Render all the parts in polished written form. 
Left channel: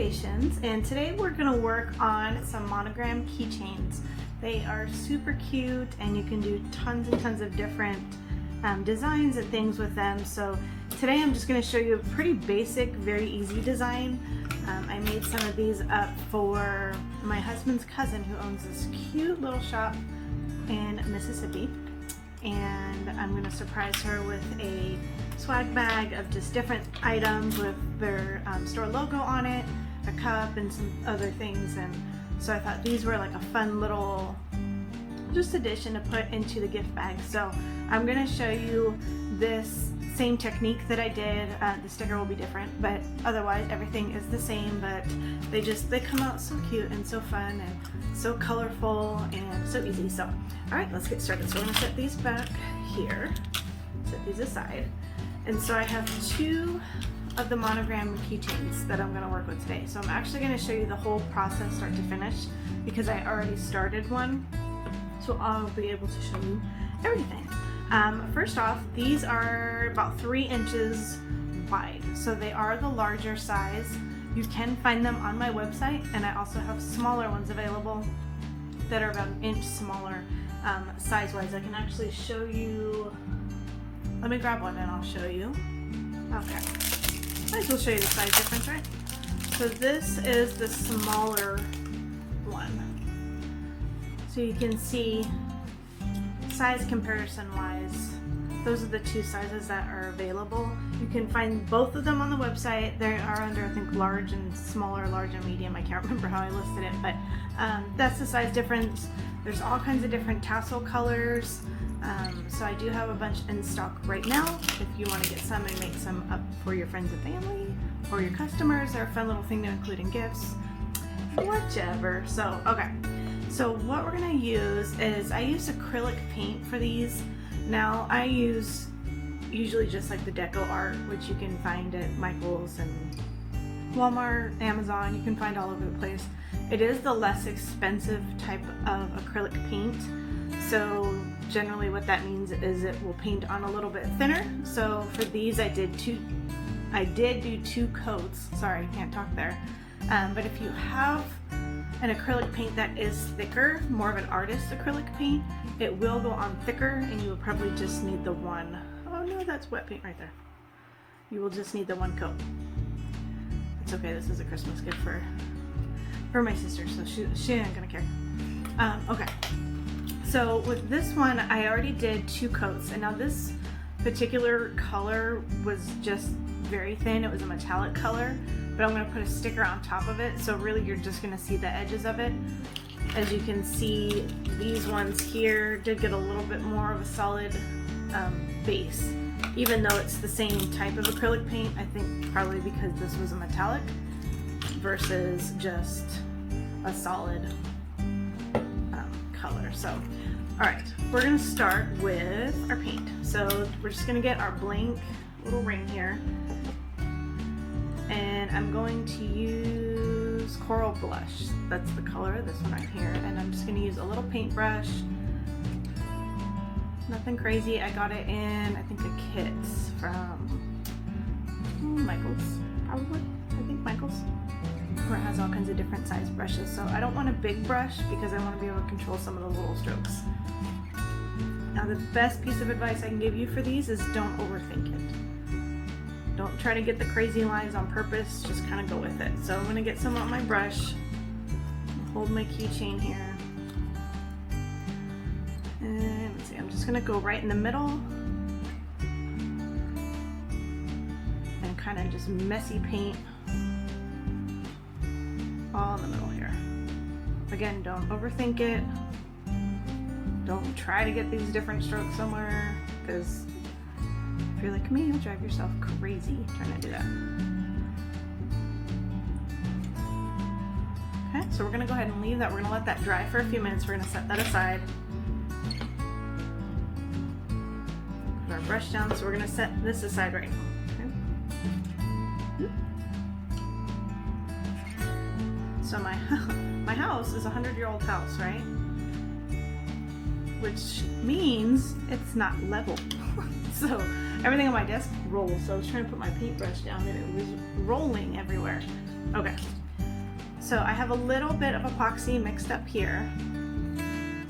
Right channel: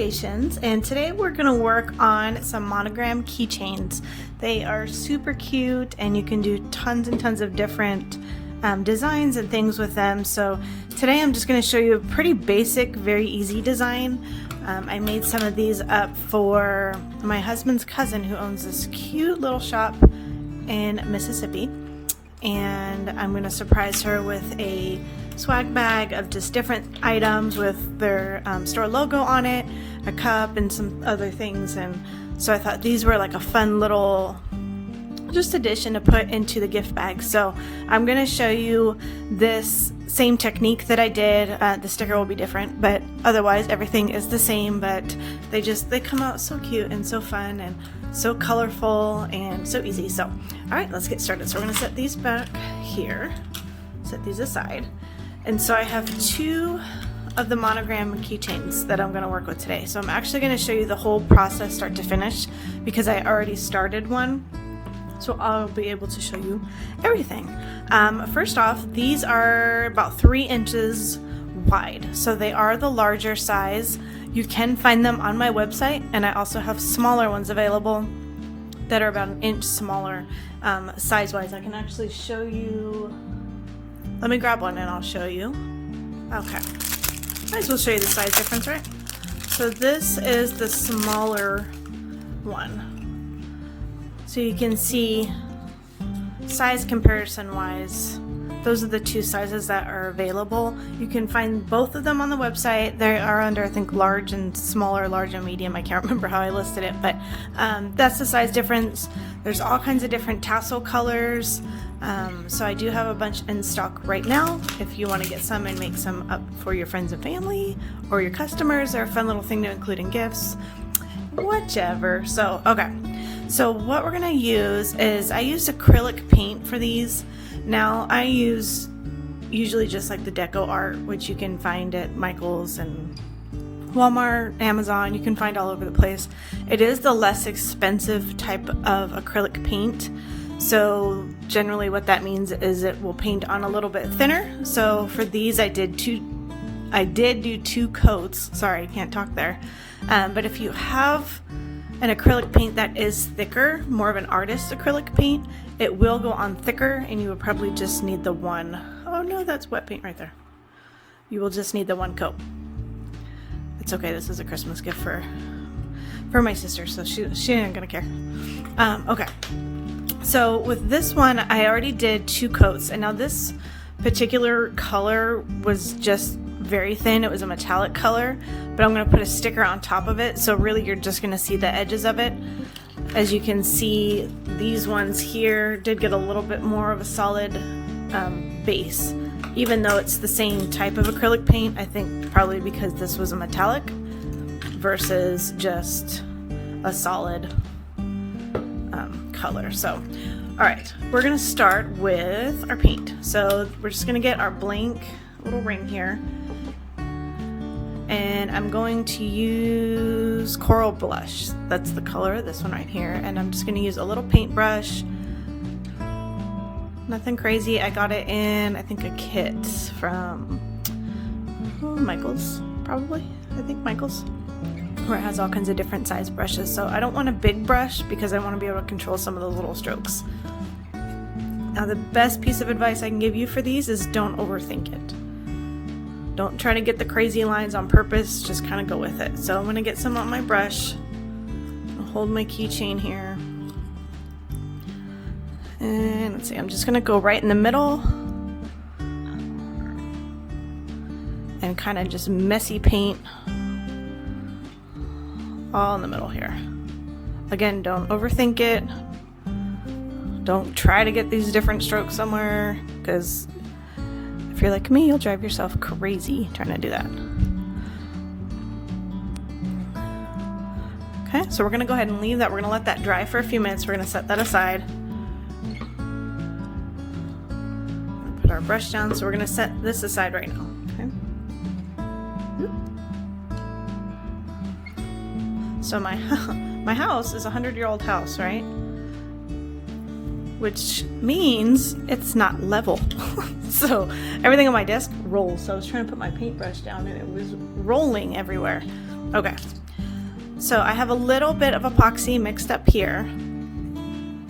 Creations, and today we're going to work on some Monogram keychains. They are super cute and you can do tons and tons of different designs and things with them. So today I'm just going to show you a pretty basic, very easy design. I made some of these up for my husband's cousin who owns this cute little shop in Mississippi, and I'm going to surprise her with a swag bag of just different items with their store logo on it, a cup, and some other things. And so I thought these were like a fun little just addition to put into the gift bag. So I'm going to show you this same technique that I did. The sticker will be different, but otherwise everything is the same. But they come out so cute and so fun and so colorful and so easy. So all right, let's get started. So we're going to set these back here, set these aside. And so I have two of the Monogram keychains that I'm going to work with today. So I'm actually going to show you the whole process start to finish because I already started one. So I'll be able to show you everything. First off, these are about 3 inches wide. So they are the larger size. You can find them on my website, and I also have smaller ones available that are about 1 inch smaller size-wise. I can actually show you. Let me grab one and I'll show you. Okay. Might as well show you the size difference, right? So this is the smaller one. So you can see size comparison wise, those are the two sizes that are available. You can find both of them on the website. They are under, I think, large and smaller, large and medium. I can't remember how I listed it, but that's the size difference. There's all kinds of different tassel colors. So I do have a bunch in stock right now. If you want to get some and make some up for your friends and family or your customers, they're a fun little thing to include in gifts, whichever. So, okay. So what we're going to use is, I use acrylic paint for these. Now I use usually just like the deco art, which you can find at Michael's and Walmart, Amazon. You can find all over the place. It is the less expensive type of acrylic paint. So generally what that means is it will paint on a little bit thinner. So for these I did do 2 coats. Sorry, can't talk there. But if you have an acrylic paint that is thicker, more of an artist acrylic paint, it will go on thicker, and you would probably just need the one. Oh no, that's wet paint right there. You will just need the 1 coat. It's okay, this is a Christmas gift for my sister, so she ain't gonna care. Okay. So with this one, I already did 2 coats, and now this particular color was just very thin. It was a metallic color, but I'm going to put a sticker on top of it, so really you're just going to see the edges of it. As you can see, these ones here did get a little bit more of a solid base, even though it's the same type of acrylic paint. I think probably because this was a metallic versus just a solid color. So all right, we're gonna start with our paint. So we're just gonna get our blank little ring here, and I'm going to use Coral Blush. That's the color of this one right here, and I'm just gonna use a little paintbrush. Nothing crazy. I got it in, I think, a kit from Michael's, probably. I think Michael's, where it has all kinds of different size brushes. So I don't want a big brush because I want to be able to control some of those little strokes. Now the best piece of advice I can give you for these is don't overthink it. Don't try to get the crazy lines on purpose, just kind of go with it. So I'm going to get some on my brush. I'll hold my keychain here. And let's see, I'm just going to go right in the middle and kind of just messy paint all in the middle here. Again, don't overthink it. Don't try to get these different strokes somewhere, because if you're like me, you'll drive yourself crazy trying to do that. Okay, so we're gonna go ahead and leave that. We're gonna let that dry for a few minutes. We're gonna set that aside. Put our brush down. So we're gonna set this aside right now. So my house is a 100-year-old house, right? Which means it's not level. So everything on my desk rolls. So I was trying to put my paintbrush down and it was rolling everywhere. Okay, So I have a little bit of epoxy mixed up here.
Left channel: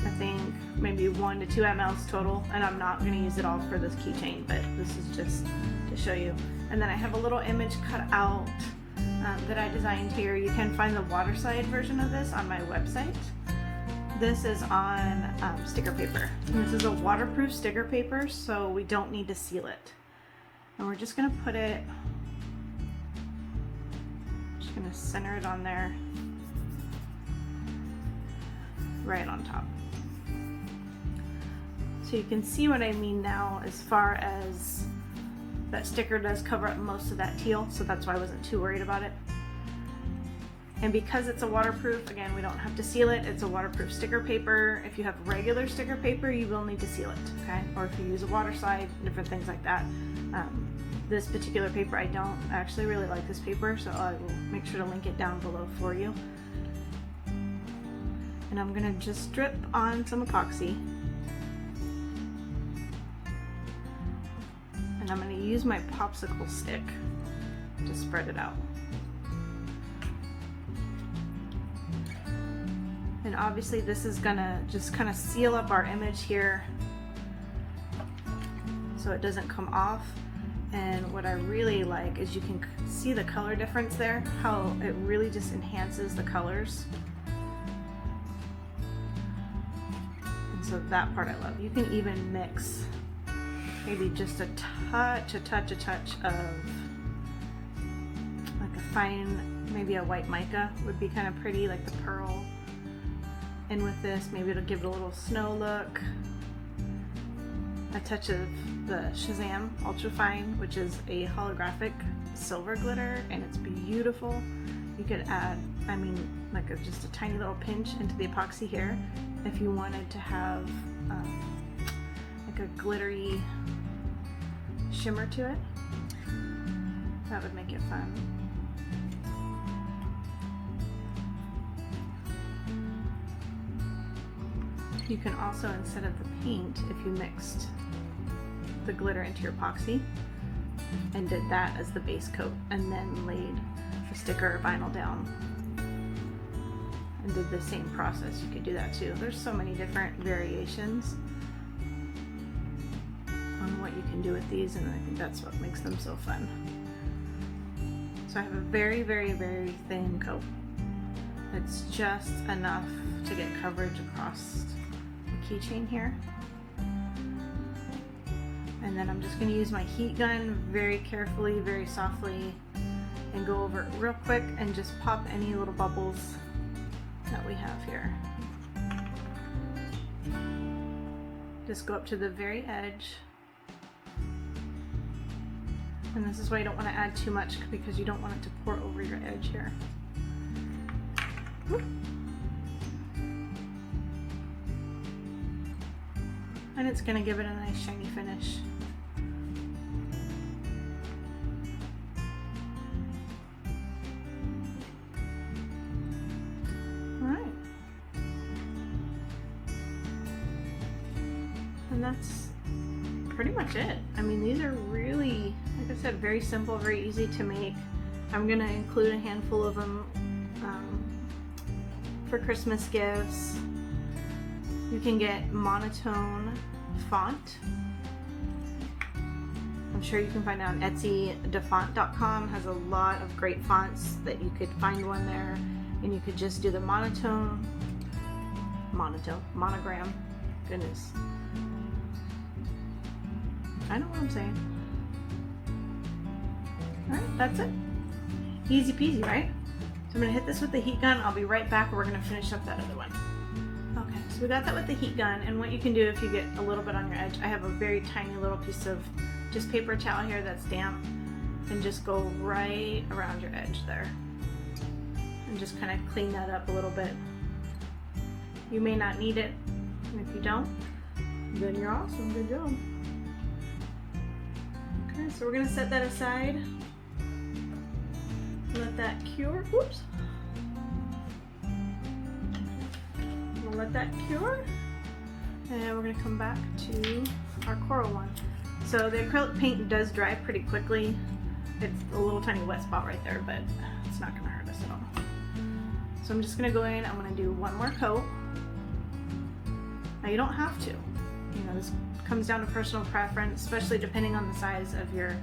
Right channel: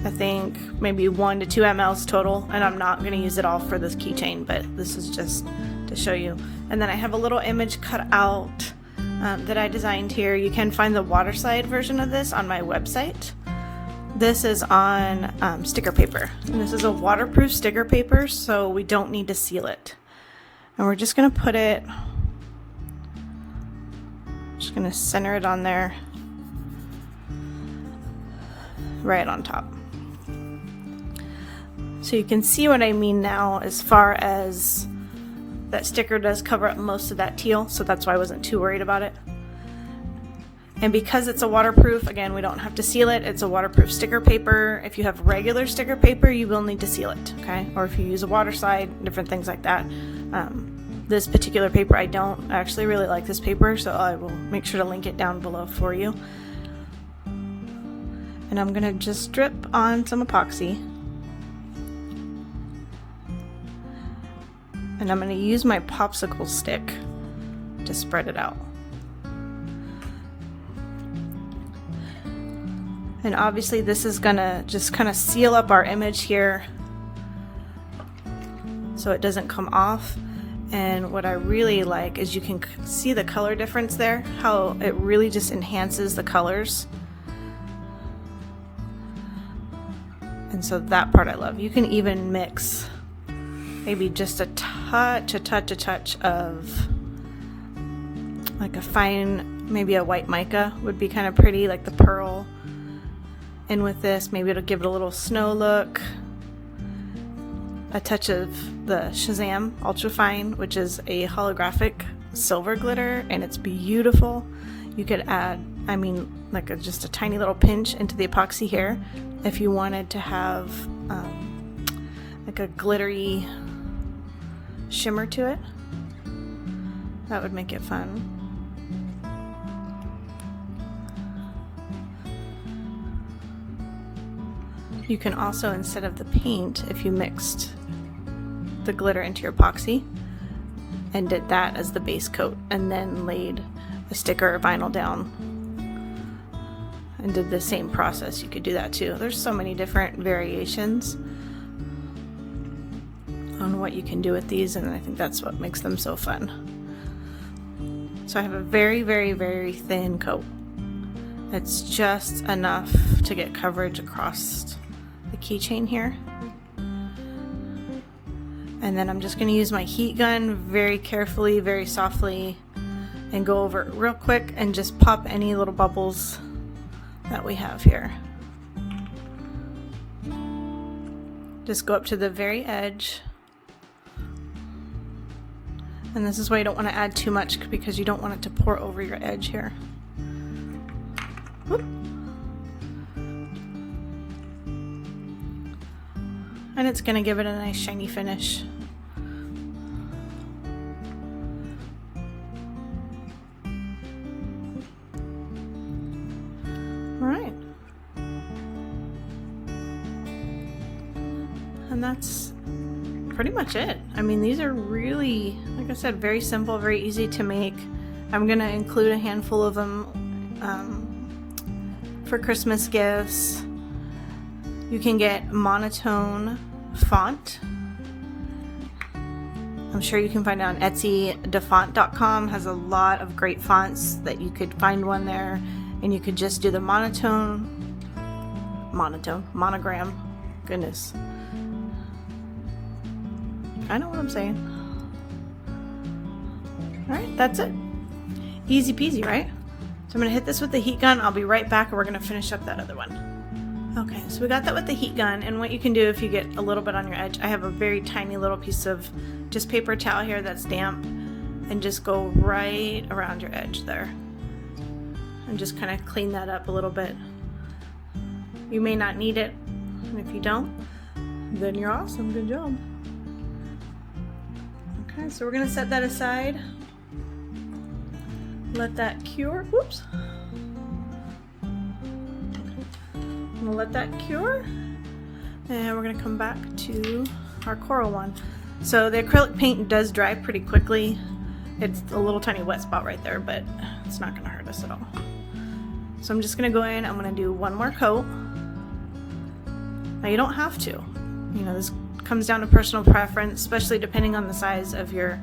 I think maybe 1 to 2 mLs total, and I'm not going to use it all for this keychain, but this is just to show you. And then I have a little image cut out that I designed here. You can find the water slide version of this on my website. This is on sticker paper, and this is a waterproof sticker paper, so we don't need to seal it. And we're just going to put it, just going to center it on there, right on top. So you can see what I mean now as far as that sticker does cover up most of that teal, so that's why I wasn't too worried about it. And because it's a waterproof, again, we don't have to seal it. It's a waterproof sticker paper. If you have regular sticker paper, you will need to seal it, okay? Or if you use a water slide, different things like that. This particular paper, I don't actually really like this paper, so I will make sure to link it down below for you. And I'm gonna just drip on some epoxy. And I'm going to use my popsicle stick to spread it out. And obviously this is going to just kind of seal up our image here so it doesn't come off. And what I really like is you can see the color difference there, how it really just enhances the colors. And so that part I love. You can even mix maybe just a touch of like a fine, maybe a white mica would be kind of pretty, like the pearl. And with this, maybe it'll give it a little snow look. A touch of the Shazam Ultra Fine, which is a holographic silver glitter, and it's beautiful. You could add, I mean, like just a tiny little pinch into the epoxy here if you wanted to have like a glittery shimmer to it. That would make it fun. You can also, instead of the paint, if you mixed the glitter into your epoxy and did that as the base coat and then laid a sticker or vinyl down and did the same process, you could do that too. There's so many different variations on what you can do with these, and I think that's what makes them so fun. So I have a very, very, very thin coat. It's just enough to get coverage across the keychain here. And then I'm just going to use my heat gun very carefully, very softly, and go over it real quick and just pop any little bubbles that we have here. Just go up to the very edge. And this is why you don't want to add too much, because you don't want it to pour over your edge here. Whoop. And it's going to give it a nice shiny finish. All right. And that's pretty much it. I mean, these are really, like I said, very simple, very easy to make. I'm gonna include a handful of them for Christmas gifts. You can get monotone font. I'm sure you can find it on Etsy. Defont.com has a lot of great fonts that you could find one there, and you could just do the monogram. Goodness. I know what I'm saying. All right, that's it. Easy peasy, right? So I'm gonna hit this with the heat gun. I'll be right back, and we're gonna finish up that other one. Okay, so we got that with the heat gun, and what you can do if you get a little bit on your edge, I have a very tiny little piece of just paper towel here that's damp, and just go right around your edge there. And just kind of clean that up a little bit. You may not need it, and if you don't, then you're awesome, good job. Okay, so we're gonna set that aside. Let that cure, whoops. I'm gonna let that cure, and we're gonna come back to our coral one. So the acrylic paint does dry pretty quickly. It's a little tiny wet spot right there, but it's not gonna hurt us at all. So I'm just gonna go in, I'm gonna do one more coat. Now you don't have to, you know, this comes down to personal preference, especially depending on the size of your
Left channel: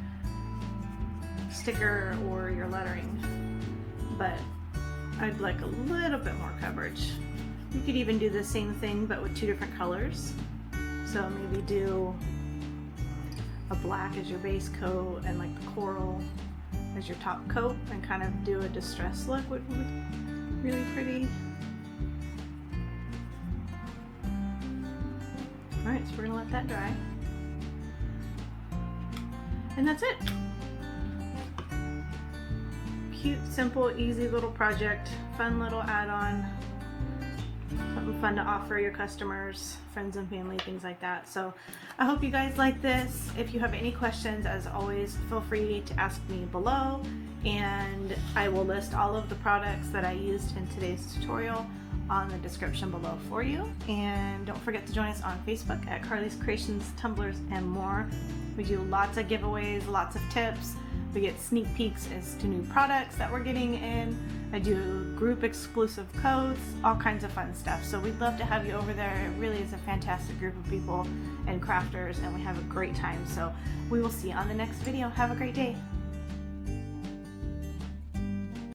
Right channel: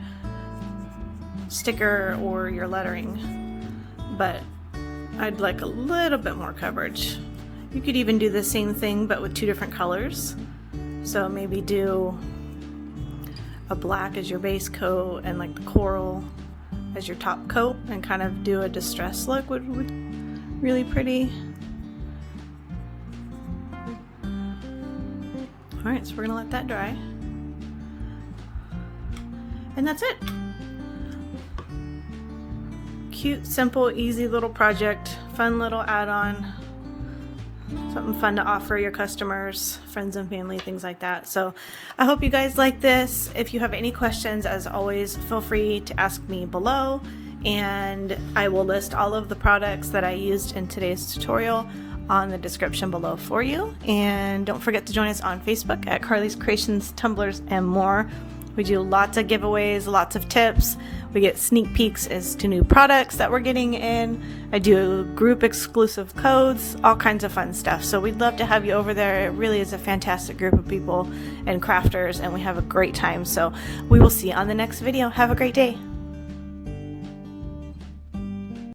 sticker or your lettering, but I'd like a little bit more coverage. You could even do the same thing but with two different colors. So maybe do a black as your base coat and like the coral as your top coat, and kind of do a distress look would really pretty. Alright, so we're gonna let that dry. And that's it. Cute, simple, easy little project, fun little add-on, something fun to offer your customers, friends and family, things like that. So I hope you guys like this. If you have any questions, as always, feel free to ask me below, and I will list all of the products that I used in today's tutorial on the description below for you. And don't forget to join us on Facebook at Carly's Creations, Tumblers, and more. We do lots of giveaways, lots of tips. We get sneak peeks as to new products that we're getting in. I do group exclusive codes, all kinds of fun stuff. So we'd love to have you over there. It really is a fantastic group of people and crafters, and we have a great time. So we will see you on the next video. Have a great day.